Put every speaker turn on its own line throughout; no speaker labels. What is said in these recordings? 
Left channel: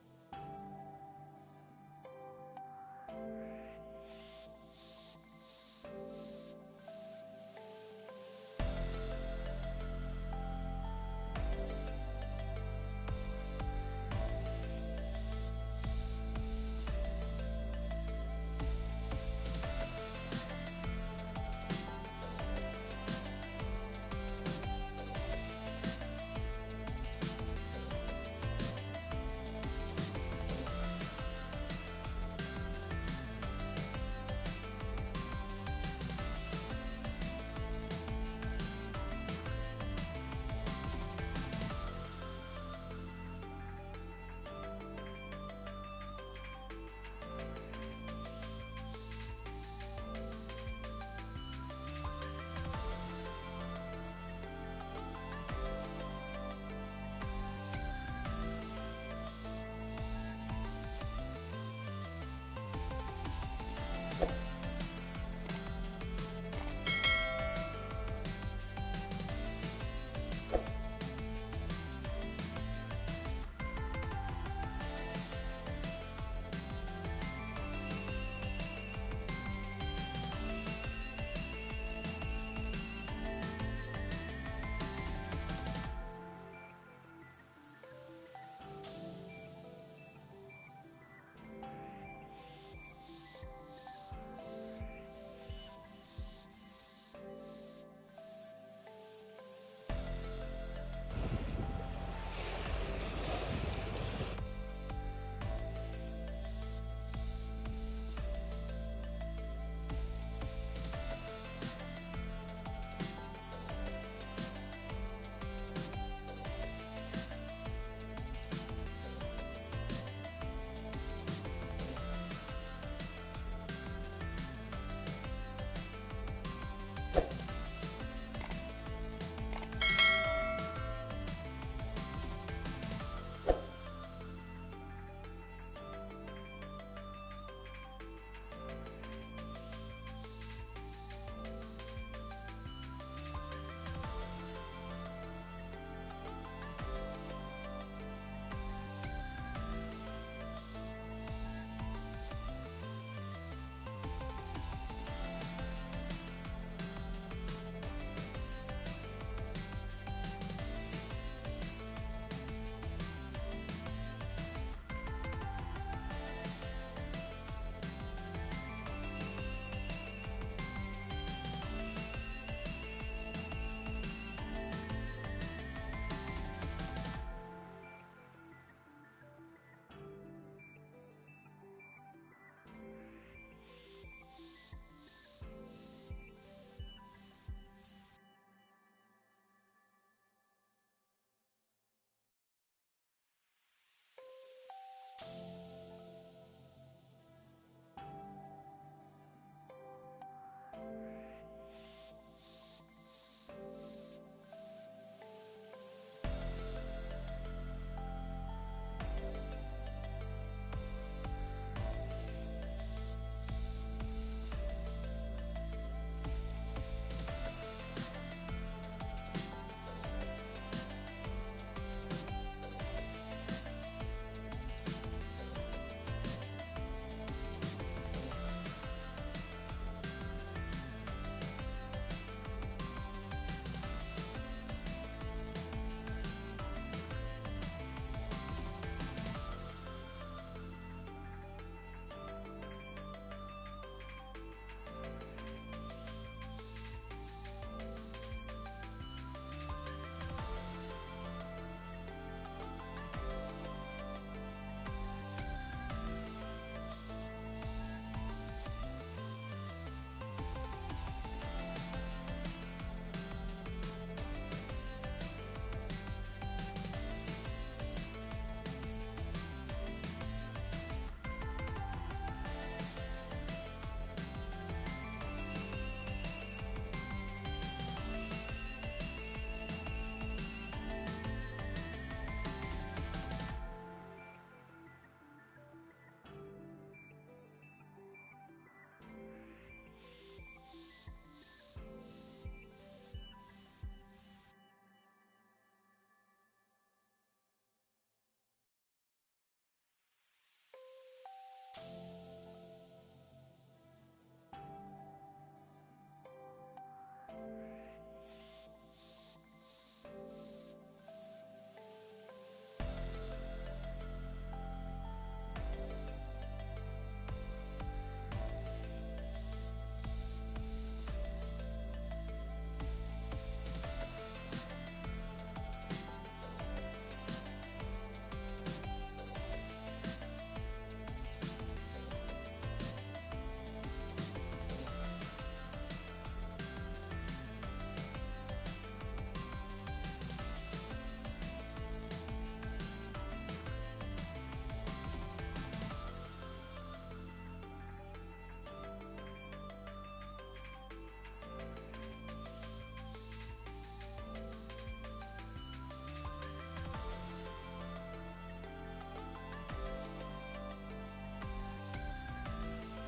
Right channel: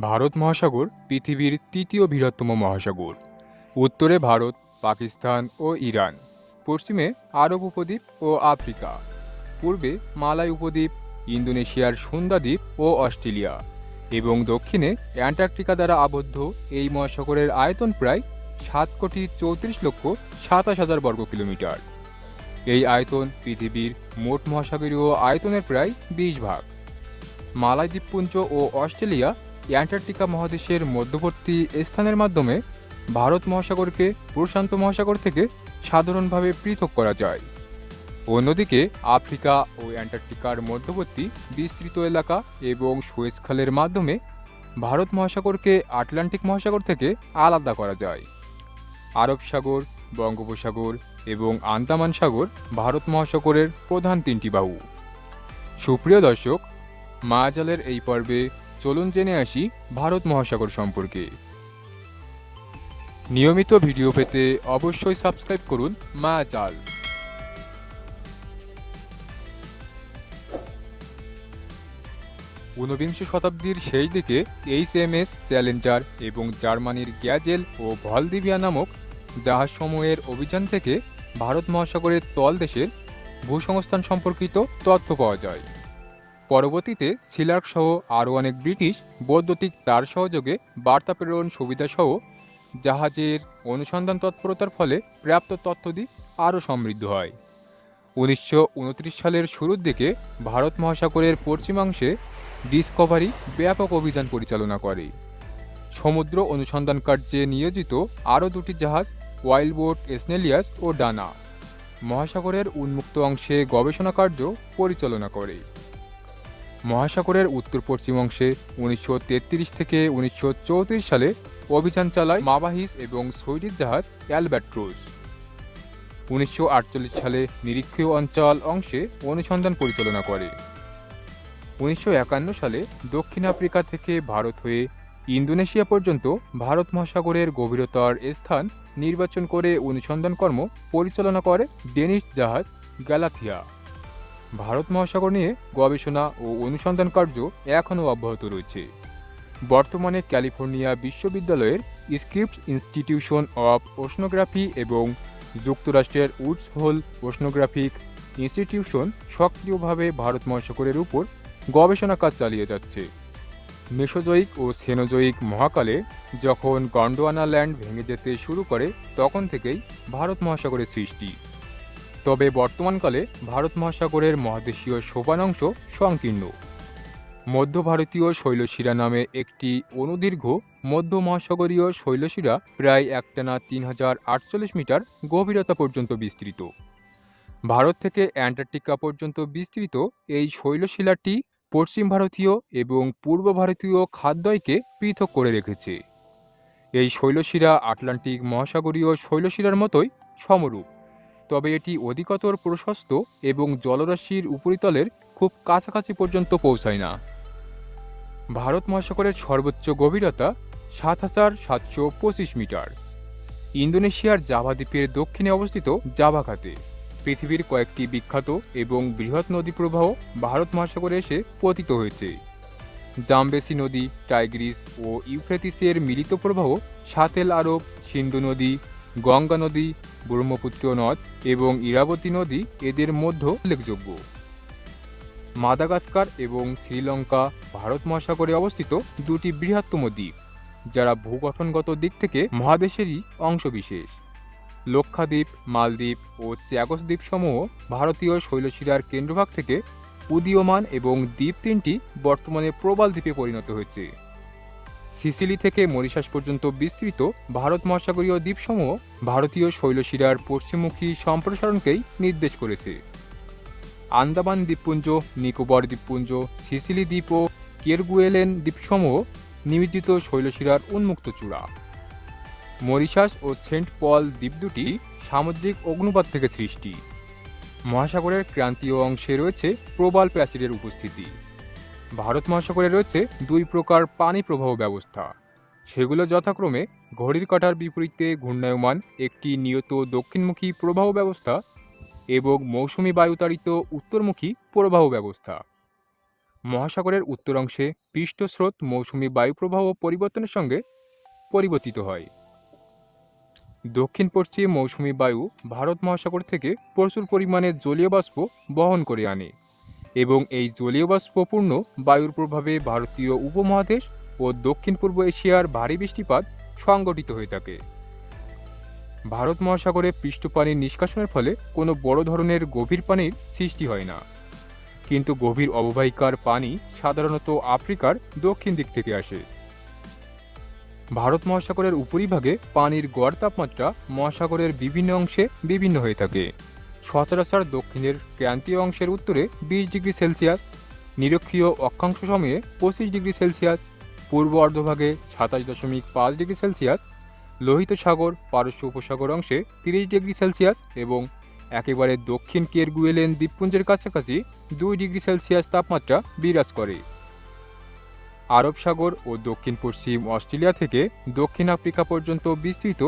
ভারত মহাসাগর পৃথিবীর তৃতীয় বৃহত্তম মহাসাগর। উত্তরে ভারত, পাকিস্তান ও ইরান। পশ্চিমে আরব উপদ্বীপ ও আফ্রিকা। পূর্বে মালাই উপদ্বীপ, ইন্দোনেশিয়ার সুন্দা দ্বীপ ও অস্ট্রেলিয়া। এবং দক্ষিণে অ্যান্টার্কটিকা দ্বারা আবদ্ধ এই মহাসাগরের আয়তন প্রায় সাত কোটি চৌত্রিশ লক্ষ সাতাশ হাজার বর্গ কিলোমিটার। এই আয়তন পৃথিবীর মোট মহাসাগরীয় আয়তনের প্রায় বিশ ভাগ। মালাই দ্বীপপুঞ্জ ও অস্ট্রেলিয়া অ্যান্টার্কটিকা মহাদেশের মধ্যবর্তী স্থানের মাধ্যমে ভারত মহাসাগরকে প্রশান্ত মহাসাগর থেকে সাধারণভাবে পৃথক করা যায়। অন্যদিকে আফ্রিকা ও অ্যান্টার্কটিকার মধ্যবর্তী বিস্তৃত এলাকা এবং সুয়েজ খালের মাধ্যমে ভারত মহাসাগরকে আটলান্টিক মহাসাগর থেকে আলাদা করা যায়। আরব সাগর, বঙ্গোপসাগর এবং আন্দামান সাগর ভারত মহাসাগরের প্রধান তিনটি বাহু। সুপ্রিয় দর্শক, মায়াজালের এই পর্বে চলুন জেনে আসি ভারত মহাসাগর সম্পর্কে। নিয়মিত ভিডিও পেতে অবশ্যই সাবস্ক্রাইব করুন মায়াজাল ঊনবিংশ শতাব্দীর শেষ দিকে এইচ এম এস, চ্যালেঞ্জার এবং জার্মানির গ্যাজেল ও ভলদিভিয়া নামক জাহাজসমূহের অভিযান থেকে ভারত মহাসাগরের তলদেশের ভূসংস্থান সম্পর্কিত তথ্য পাওয়া যায়। পরবর্তীতে সিলার্ক সহ আরও অনেক ব্রিটিশ বৈদ্যুতিক তার সহযোগে বার্তা প্রেরণ সুবিধাসহ জাহাজের অনুসন্ধান তৎপরতার ফলে প্রাপ্ত তথ্যদি আরও সমৃদ্ধ হয়। উনিশশো উনত্রিশ সালের শুরুর দিকে ভারত মহাসাগরের পশ্চিমাংশে ডিসকভারি ব্যাপক অভিযান পরিচালনা করে। সমুদ্র অনুসন্ধান কার্যে নিয়োজিত আরও দুটি জাহাজ ওয়াইল্ডবোট স্নেলিয়াস ও ডানা, মহাসাগরের উন্মুক্ত অংশে গবেষণা কার্য পরিচালনা করে। মহাসাগরের উত্তর পশ্চিম অংশে উনিশশো তেত্রিশ থেকে উনিশশো চৌত্রিশ সালে অভিযান চালায় মাবাহিস এবং সুইডিশ জাহাজ অ্যালব্যাট্রোস। উনিশশো সালে নিরীক্ষীয় অঞ্চল অংশে অনুসন্ধান পরিচালনা করে। উনিশশো একান্ন সালে দক্ষিণ আফ্রিকা থেকে ভারত হয়ে ইন্দোনেশিয়া পর্যন্ত ভারত মহাসাগরের গভীরতার স্থান নির্বাচন করে অনুসন্ধান কর্ম পরিচালনা করে ডেনিশ জাহাজ গ্যালাথিয়া। ভারত মহাসাগর নিয়ে গবেষণা ও অনুসন্ধান কার্য এখনও অব্যাহত রয়েছে। বর্তমানে ক্যালিফোর্নিয়া বিশ্ববিদ্যালয়ের স্ক্রিপ্ট ইনস্টিটিউশন অফ ওশনোগ্রাফি এবং যুক্তরাষ্ট্রের উডস হোল ওশনোগ্রাফিক ইনস্টিটিউশন সক্রিয়ভাবে ভারত মহাসাগরের উপর গবেষণা কাজ চালিয়ে যাচ্ছে। মেসোজয়িক ও সেনোজয়িক মহাকালে যখন গন্ডোয়ানা ল্যান্ড ভেঙে যেতে শুরু করে, তখন থেকেই ভারত মহাসাগরের সৃষ্টি। তবে বর্তমানকালে ভারত মহাসাগরের মহাদেশীয় সোপানাংশ সংকীর্ণ। মধ্য ভারতীয় শৈলশিরা নামে একটি অনুদীর্ঘ মধ্য মহাসাগরীয় শৈলশিরা প্রায় একটানা তিন হাজার আটচল্লিশ মিটার গভীরতা পর্যন্ত বিস্তৃত। ভারত থেকে অ্যান্টার্কটিকা পর্যন্ত বিস্তৃত এই শৈলশিলাটি পশ্চিম ভারতীয় এবং পূর্ব ভারতীয় খাদ্যয়কে পৃথক করে রেখেছে। এই শৈলশিরা আটলান্টিক মহাসাগরীয় শৈলশিরার মতোই সমরূপ। তবে এটি অধিকতর প্রশস্ত এবং জলরাশির উপরিতলের খুব কাছাকাছি পর্যন্ত পৌঁছায় না। ভারত মহাসাগরের সর্বোচ্চ গভীরতা সাত হাজার সাতশো পঁচিশ মিটার। ইন্দোনেশিয়ার জাভা দ্বীপের দক্ষিণে অবস্থিত জাভা খাতে পৃথিবীর কয়েকটি বিখ্যাত এবং বৃহৎ নদী প্রবাহ ভারত মহাসাগরে এসে পতিত হয়েছে। জামবেসি নদী, টাইগ্রিস ও ইউফ্রেটিসের মিলিত প্রবাহ সাতেল আরব, সিন্ধু নদী, গঙ্গা নদী ব্রহ্মপুত্র নদ এবং ইরাবতী নদী এদের মধ্যে উল্লেখযোগ্য। মাদাগাস্কার এবং শ্রীলঙ্কা ভারত মহাসাগরে অবস্থিত দুটি বৃহত্তম দ্বীপ, যারা ভূগঠনগত দিক থেকে মহাদেশেরই অংশবিশেষ। লক্ষাদ্বীপ, মালদ্বীপ ও চ্যাগস দ্বীপসমূহ ভারতীয় শৈলশিরার কেন্দ্রভাগ থেকে উদীয়মান এবং দ্বীপ তিনটি বর্তমানে প্রবাল দ্বীপে পরিণত হয়েছে। সিসিলি থেকে মরিশাস পর্যন্ত বিস্তৃত ভারত মহাসাগরীয় দ্বীপসমূহ ভারতীয় শৈলশিরার পশ্চিমমুখী সম্প্রসারণকেই নির্দেশ করেছে। আন্দামান দ্বীপপুঞ্জ, নিকোবর দ্বীপপুঞ্জ, সিসিলি দ্বীপ ও কেরগুয়েলেন দ্বীপসমূহ নিমজ্জিত শৈলশিরার উন্মুক্ত চূড়া। মরিশাস ও সেন্ট পল দ্বীপ দুটি সামুদ্রিক অগ্নুপাত থেকে সৃষ্টি। মহাসাগরের ক্রান্তীয় অংশে রয়েছে প্রবাল প্রাচীরের উপস্থিতি। ভারত মহাসাগরে রয়েছে দুই প্রকার পানি প্রবাহ ব্যবস্থা। সেগুলো যথাক্রমে ঘড়ির কাঁটার বিপরীতে ঘূর্ণায়মান, একটি নিয়ত দক্ষিণমুখী প্রবাহ ব্যবস্থা এবং মৌসুমি বায়ুতাড়িত উত্তরমুখী প্রবাহ ব্যবস্থা। মহাসাগরের উত্তর অংশে পৃষ্ঠস্রোত মৌসুমি বায়ুপ্রবাহ পরিবর্তনের সঙ্গে পরিবর্তিত হয়। দক্ষিণ পশ্চিম মৌসুমি বায়ু ভারত মহাসাগর থেকে প্রচুর পরিমাণে জলীয় বাষ্প বহন করে আনে। এবং এই জলীয় বাষ্পপূর্ণ বায়ুর প্রভাবে ভারতীয় উপমহাদেশ ও দক্ষিণ পূর্ব এশিয়ার ভারী বৃষ্টিপাত সংগঠিত হয়ে থাকে। ভারত মহাসাগরে পৃষ্ঠপানির নিষ্কাশনের ফলে কোনো বড় ধরনের গভীর পানির সৃষ্টি হয় না। কিন্তু গভীর অববাহিকার পানি সাধারণত আফ্রিকার দক্ষিণ দিক থেকে আসে। ভারত মহাসাগরের উপরিভাগে পানির গড় তাপমাত্রা মহাসাগরের বিভিন্ন অংশে বিভিন্ন হয়ে থাকে। সচরাচর দক্ষিণের ক্রান্তীয় অংশের উত্তরে বিশ ডিগ্রি সেলসিয়াস, নিরক্ষীয় অক্ষাংশ সময়ে পঁচিশ ডিগ্রি সেলসিয়াস, পূর্ব অর্ধভাগে সাতাশ দশমিক পাঁচ ডিগ্রি সেলসিয়াস, লোহিত সাগর, পারস্য উপসাগর অংশে তিরিশ ডিগ্রি সেলসিয়াস এবং একেবারে দক্ষিণ কেরগুয়েলেন দ্বীপপুঞ্জের কাছাকাছি দুই ডিগ্রি সেলসিয়াস তাপমাত্রা বিরাজ করে। আরব সাগর ও দক্ষিণ পশ্চিম অস্ট্রেলিয়া থেকে দক্ষিণ আফ্রিকা পর্যন্ত বিস্তৃত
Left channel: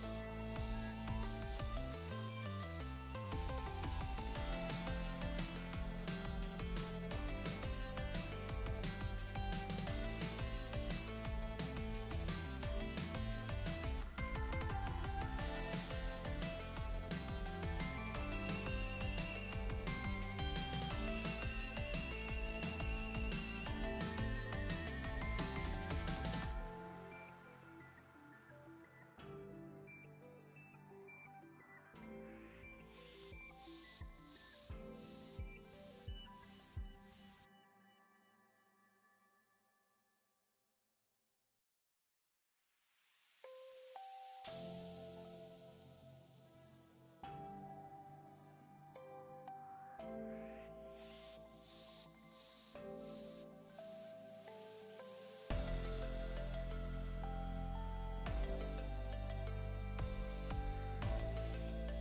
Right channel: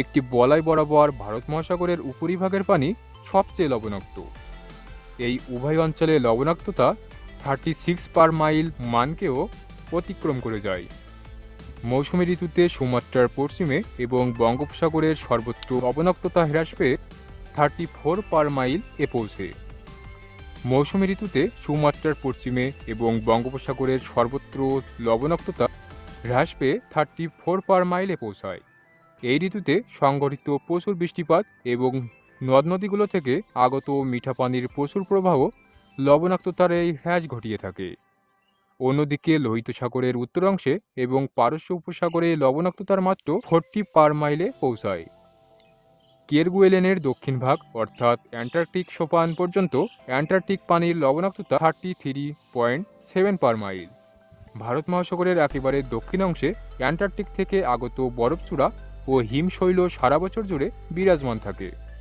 একটি বলয় বরাবর ভারত মহাসাগরের উপরিভাগের পানি সবচেয়ে লবণাক্ত। এই উভয় অঞ্চলে লবণাক্ততা থার্টি সিক্স পার মাইল মানকেও অতিক্রম করে যায়। মৌসুমী ঋতুতে সুমাত্রার পশ্চিমে এবং বঙ্গোপসাগরের সর্বত্র লবণাক্ততা হ্রাস পেয়ে থার্টি ফোর পার মাইল এ পৌঁছে। মৌসুমী ঋতুতে সুমাত্রার পশ্চিমে এবং বঙ্গোপসাগরের সর্বত্র লবণাক্ততা হ্রাস পেয়ে থার্টি ফোর পার মাইলে পৌঁছায়। এই ঋতুতে সংঘটিত প্রচুর বৃষ্টিপাত এবং নদ নদীগুলো থেকে আগত মিঠা পানির প্রচুর প্রবাহ লবণাক্ততার এই হ্রাস ঘটিয়ে থাকে। অন্যদিকে লোহিত সাগরের উত্তরাংশে এবং পারস্য উপসাগরে লবণাক্ততার মাত্র ফোরটি পার মাইলে পৌঁছায়। কেরগুয়েলেনের দক্ষিণ ভাগ, অর্থাৎ অ্যান্টার্কটিক সোপান পর্যন্ত অ্যান্টার্কটিক পানির লবণাক্ততা thirty three point seven per mile. Bharat মহাসাগরের একেবারে দক্ষিণ অংশে অ্যান্টার্কটিক থেকে আগত বরফচূড়া ও হিমশৈল সারা বছর জুড়ে বিরাজমান থাকে।